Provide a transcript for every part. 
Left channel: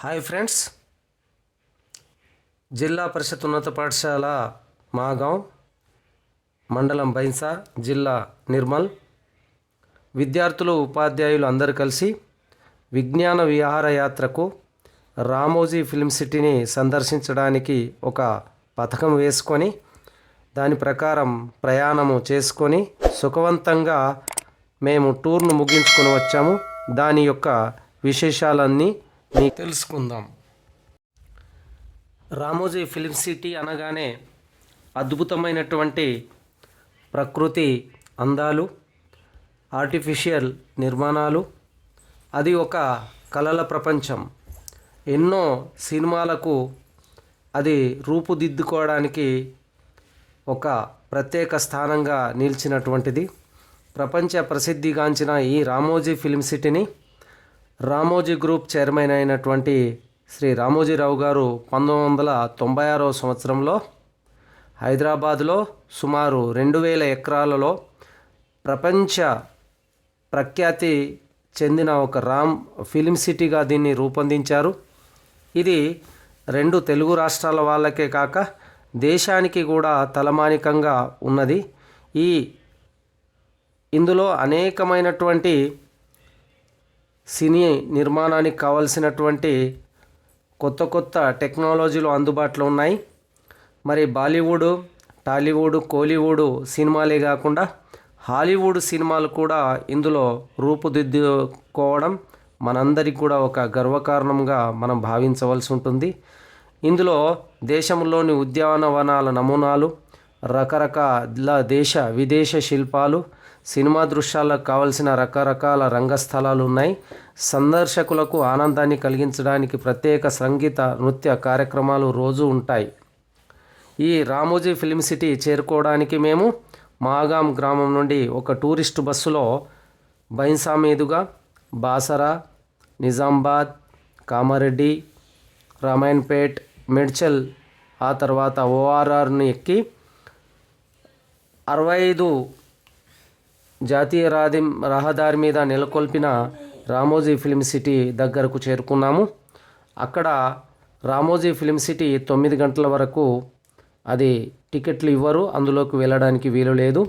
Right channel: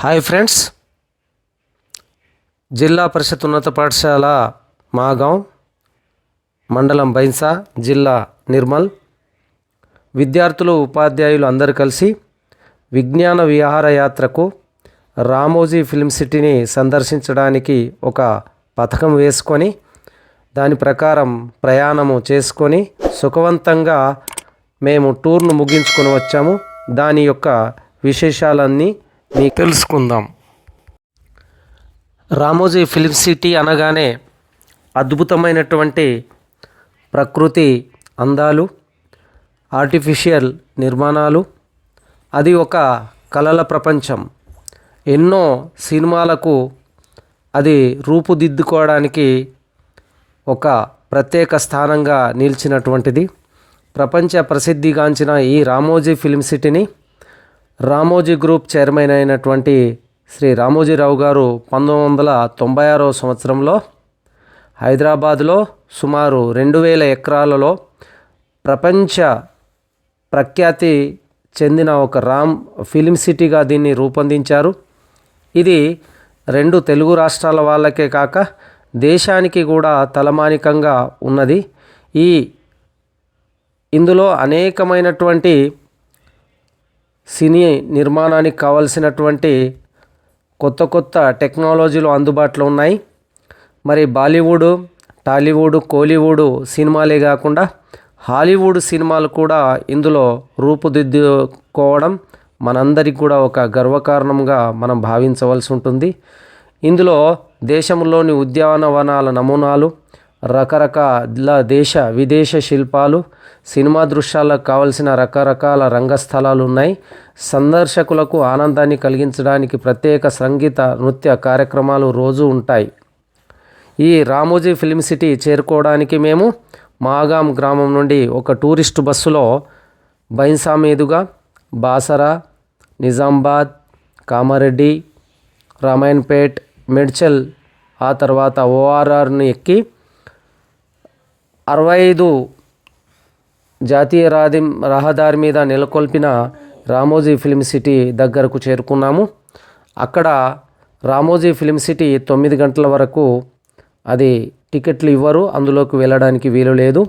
Hi friends, జిల్లా పరిషత్ ఉన్నత పాఠశాల మాగాం, మండలం బైన్సా, జిల్లా నిర్మల్ విద్యార్థులు ఉపాధ్యాయులు అందరూ కలిసి విజ్ఞాన విహారయాత్రకు రామోజీ ఫిల్మ్ సిటీని సందర్శించడానికి ఒక పథకం వేసుకొని దాని ప్రకారం ప్రయాణము చేసుకొని సుఖవంతంగా మేము టూర్ను ముగించుకొని వచ్చాము. దాని యొక్క విశేషాలన్నీ మీకు తెలుసుకుందాం. రామోజీ ఫిల్మ్ సిటీ అనగానే అద్భుతమైనటువంటి ప్రకృతి అందాలు, ఆర్టిఫిషియల్ నిర్మాణాలు, అది ఒక కళల ప్రపంచం. ఎన్నో సినిమాలకు అది రూపుదిద్దుకోవడానికి ఒక ప్రత్యేక స్థానంగా నిలిచినటువంటిది. ప్రపంచ ప్రసిద్ధిగాంచిన ఈ రామోజీ ఫిల్మ్ సిటీని రామోజీ గ్రూప్ చైర్మన్ అయినటువంటి శ్రీ రామోజీరావు గారు 1996 సంవత్సరంలో హైదరాబాద్లో సుమారు 2000 ఎకరాలలో ప్రపంచ ప్రఖ్యాతి చెందిన ఒక ఫిల్మ్ సిటీగా దీన్ని రూపొందించారు. ఇది 2 తెలుగు రాష్ట్రాల వాళ్ళకే కాక దేశానికి కూడా తలమానికంగా ఉన్నది. ఇందులో అనేకమైనటువంటి సినీ నిర్మాణానికి కావలసినటువంటి కొత్త టెక్నాలజీలు అందుబాటులో ఉన్నాయి. మరి బాలీవుడ్, టాలీవుడ్, కోలీవుడ్ సినిమాలే కాకుండా హాలీవుడ్ సినిమాలు కూడా ఇందులో రూపుదిద్దుకోవడం మనందరికీ కూడా ఒక గర్వకారణంగా మనం భావించవలసి ఉంటుంది. ఇందులో దేశంలోని ఉద్యానవనాల నమూనాలు, రకరకాల దేశ విదేశ శిల్పాలు, సినిమా దృశ్యాలకు కావలసిన రకరకాల రంగస్థలాలు ఉన్నాయి. సందర్శకులకు ఆనందాన్ని కలిగించడానికి ప్రత్యేక సంగీత, నృత్య కార్యక్రమాలు రోజు ఉంటాయి. ఈ రామోజీ ఫిల్మ్ సిటీ చేరుకోవడానికి మేము మాగాం గ్రామం నుండి ఒక టూరిస్టు బస్సులో బైన్సా మీదుగా బాసరా, నిజామాబాద్, కామారెడ్డి, రామాయణపేట్, మేడ్చల్, ఆ తర్వాత ఓఆర్ఆర్ను ఎక్కి 65 జాతీయ రహదారి మీద నెలకొల్పిన రామోజీ ఫిల్మ్ సిటీ దగ్గరకు చేరుకున్నాము. అక్కడ రామోజీ ఫిల్మ్ సిటీ 9 గంటల వరకు అది టికెట్లు ఇవ్వరు, అందులోకి వెళ్ళడానికి వీలు లేదు.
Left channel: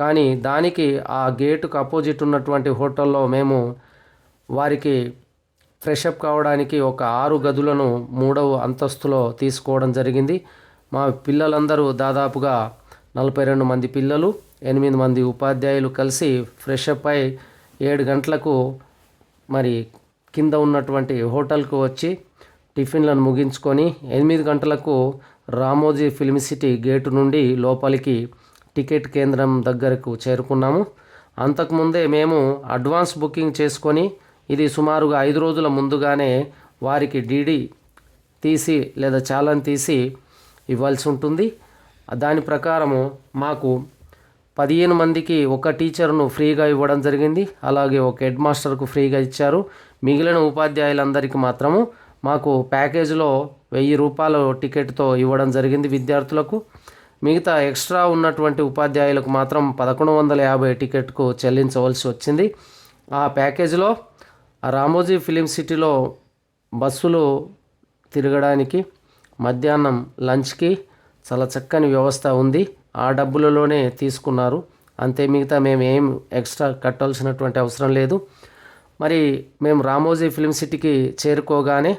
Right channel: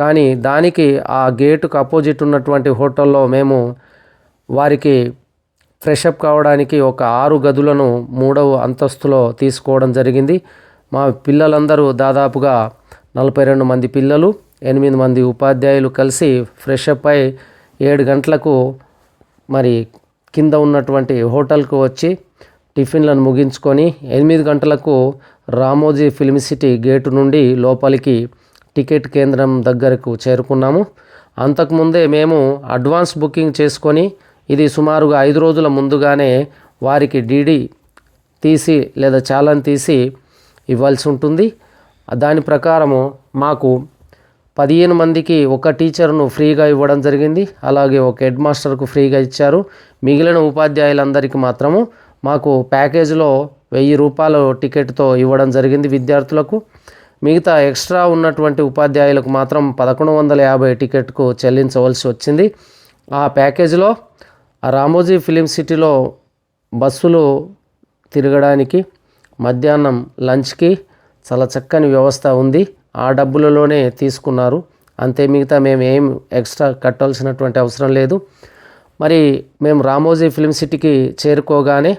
కానీ దానికి ఆ గేటుకు అపోజిట్ ఉన్నటువంటి హోటల్లో మేము వారికి ఫ్రెషప్ కావడానికి ఒక 6 గదులను 3వ అంతస్తులో తీసుకోవడం జరిగింది. మా పిల్లలందరూ దాదాపుగా 42 మంది పిల్లలు, 8 మంది ఉపాధ్యాయులు కలిసి ఫ్రెషప్ అయి 7 గంటలకు మరి కింద ఉన్నటువంటి హోటల్కు వచ్చి టిఫిన్లను ముగించుకొని 8 గంటలకు రామోజీ ఫిల్మ్ సిటీ గేటు నుండి లోపలికి టికెట్ కేంద్రం దగ్గరకు చేరుకున్నాము. అంతకుముందే మేము అడ్వాన్స్ బుకింగ్ చేసుకొని ఇది సుమారుగా 5 రోజుల ముందుగానే వారికి డీడీ తీసి లేదా చాలాన్ తీసి ఇవ్వాల్సి ఉంటుంది. దాని ప్రకారము మాకు 15 మందికి ఒక టీచర్ను ఫ్రీగా ఇవ్వడం జరిగింది. అలాగే ఒక హెడ్ మాస్టర్కు ఫ్రీగా ఇచ్చారు. మిగిలిన ఉపాధ్యాయులందరికీ మాత్రము మాకు ప్యాకేజీలో 1000 రూపాయలు టికెట్తో ఇవ్వడం జరిగింది విద్యార్థులకు. మిగతా ఎక్స్ట్రా ఉన్నటువంటి ఉపాధ్యాయులకు మాత్రం 1150 టికెట్కు చెల్లించవలసి వచ్చింది. ఆ ప్యాకేజీలో రామోజీ ఫిలిం సిటీలో బస్సులు తిరగడానికి, మధ్యాహ్నం లంచ్కి చాలా చక్కని వ్యవస్థ ఉంది. ఆ డబ్బులలోనే తీసుకున్నారు అంతే. మిగతా మేము ఏం ఎక్స్ట్రా కట్టాల్సినటువంటి అవసరం లేదు. మరి మేము రామోజీ ఫిల్మ్ సిటీకి చేరుకోగానే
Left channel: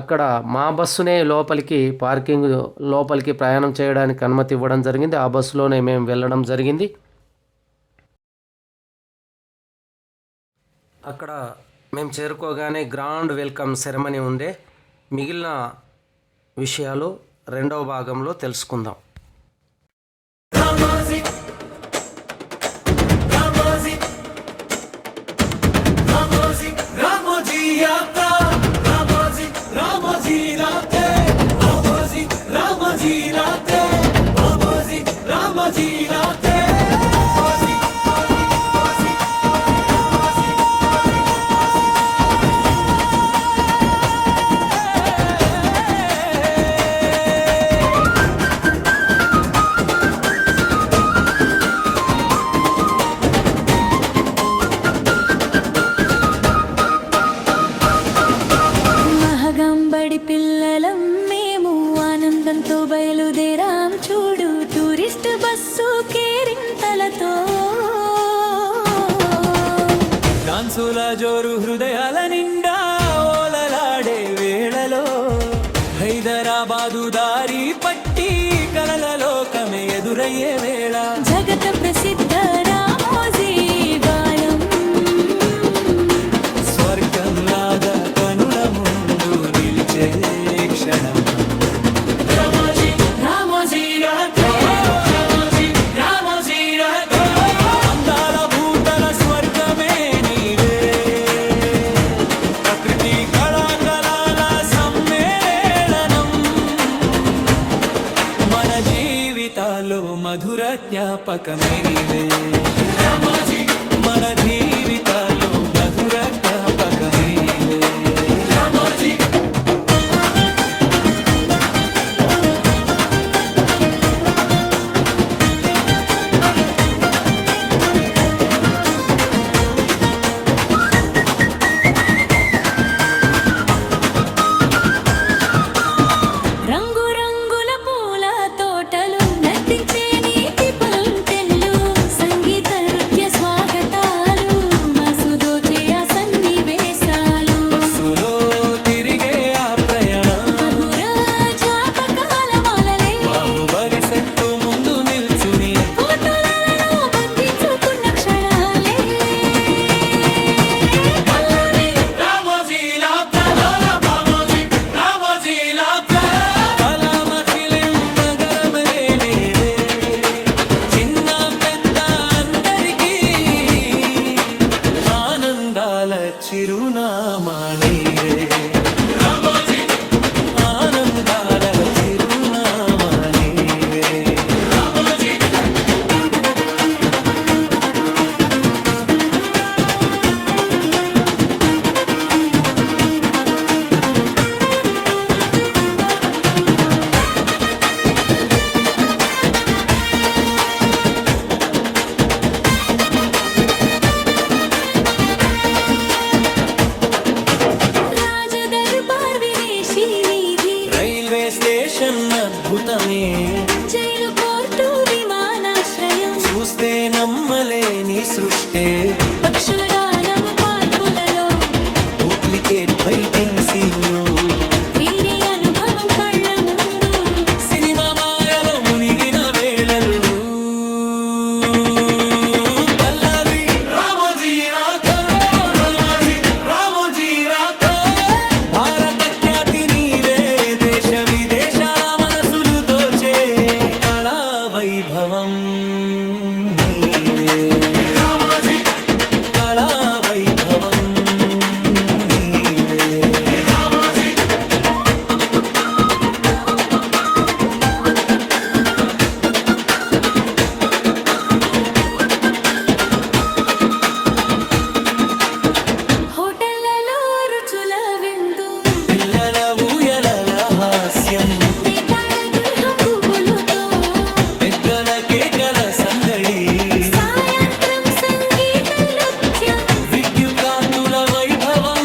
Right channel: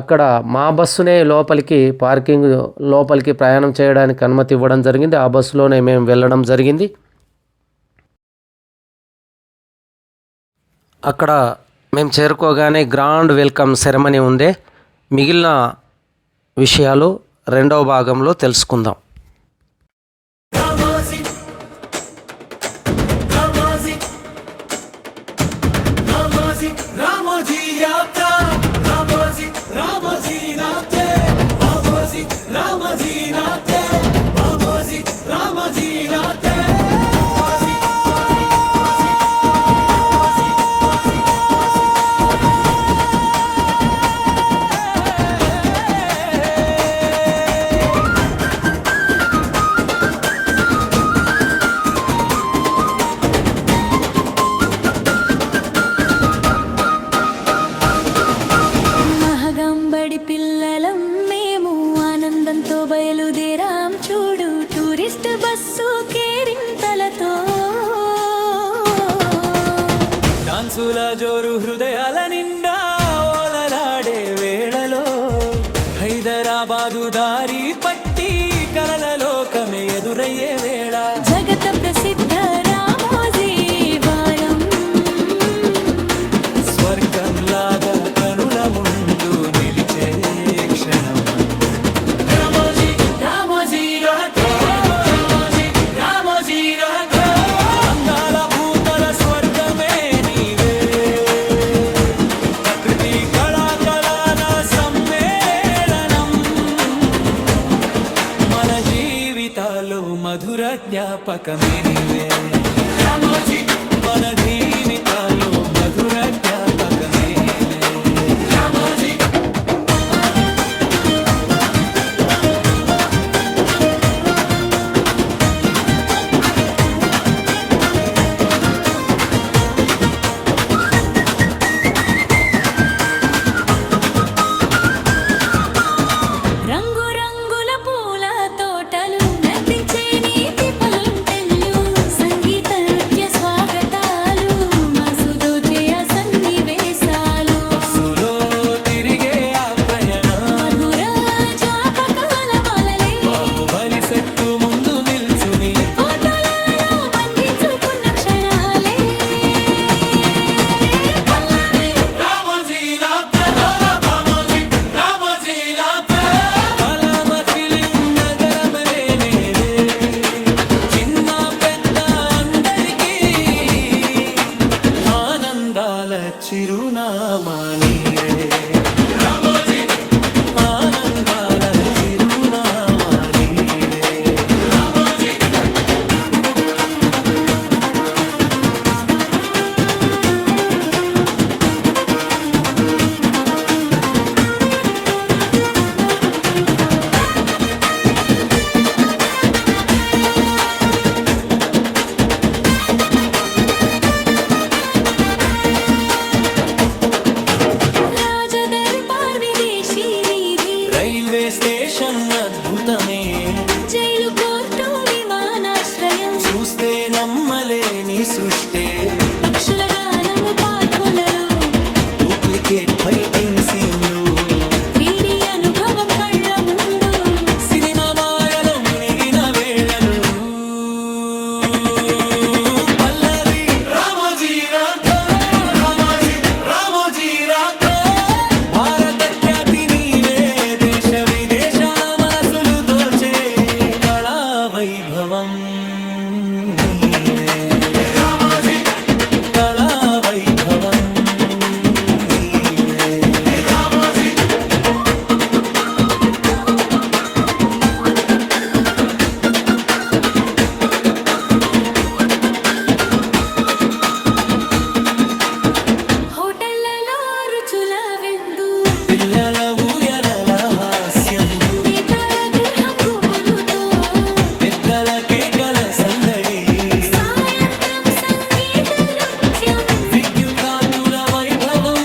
అక్కడ మా బస్సునే లోపలికి ప్రయాణం చేయడానికి అనుమతి ఇవ్వడం జరిగింది. ఆ బస్సులోనే మేము వెళ్ళడం జరిగింది. అక్కడ మేము చేరుకోగానే గ్రాండ్ వెల్కమ్ సెరమనీ ఉండే. మిగిలిన విషయాలు 2వ భాగంలో తెలుసుకుందాం. భాగంబడి పిల్లలం మేము ఆనందంతో బయలుదేరాం చూడు టూరిస్ట్ బస్సు కేరింతలతో డాన్సుల జోరు హృదయాల నిండా ఓలలాడే వేళలో హైదరాబాదు దారి పట్టి కలల లోకమే ఎదురయ్యే వేళ జగత ప్రసిద్ధ రామోజీ బాలం స్వర్గంలాగా కనుల ముందు నిలిచే క్షణం రామోజీ రామోజీ రామోజీ రామోజీ అందాల భూతల స్వర్గమే నీవే ప్రకృతి కళాకళల సమ్మేళనం మన జీవితాల్లో మధుర జ్ఞాపకమే నీవే మన జీవితాల్లో మధుర జ్ఞాపకమే నీవే రంగు రంగుల పూల తోటలు నర్తించే నీటి పలుంటెన్లు సంగీత నృత్య స్వాగతాలు మసుదోచే ఆ సన్నివేశాలు బస్సులో తిరిగే ఆ ప్రయాణం మధుర జ్ఞాపకాల మాలలే బాహుబలి సెట్టు ముందు నిల్చుని ఫోటోలలో బంధించుకున్న క్షణాలే పల్లవి కలమ ఫిలిం నగరమే నీవే చిన్న పెద్ద అందరికీ ఆనందాల చిరునామా నీవే ఆనందాల చిరునామా నీవే రాజదర్బార్ విదేశీ వీధి రైల్వే స్టేషన్ అద్భుతమే జైలు కోర్టు విమానాశ్రయం చూస్తే నమ్మలేని సృష్టే పక్షుల గానము పార్కులలో డూప్లికేట్ ఫైటింగ్ సీన్లు 3D అనుభవం కళ్ళ ముందు సినిమా మాయలో మునిగిన వేళలు పల్లవి భారత ఖ్యాతి నీవే దేశ విదేశాల మనసులు దోచే కళా వైభవం నీవే కళా వైభవం నీవే హోటళ్లలో రుచుల విందు పిల్లల ఊయలల హాస్యం బేతాళ గృహం గుబులుతో పెద్దల కేకల సందడి సాయంత్రం సంగీత నృత్యం విద్యుత్ కాంతుల వైభవం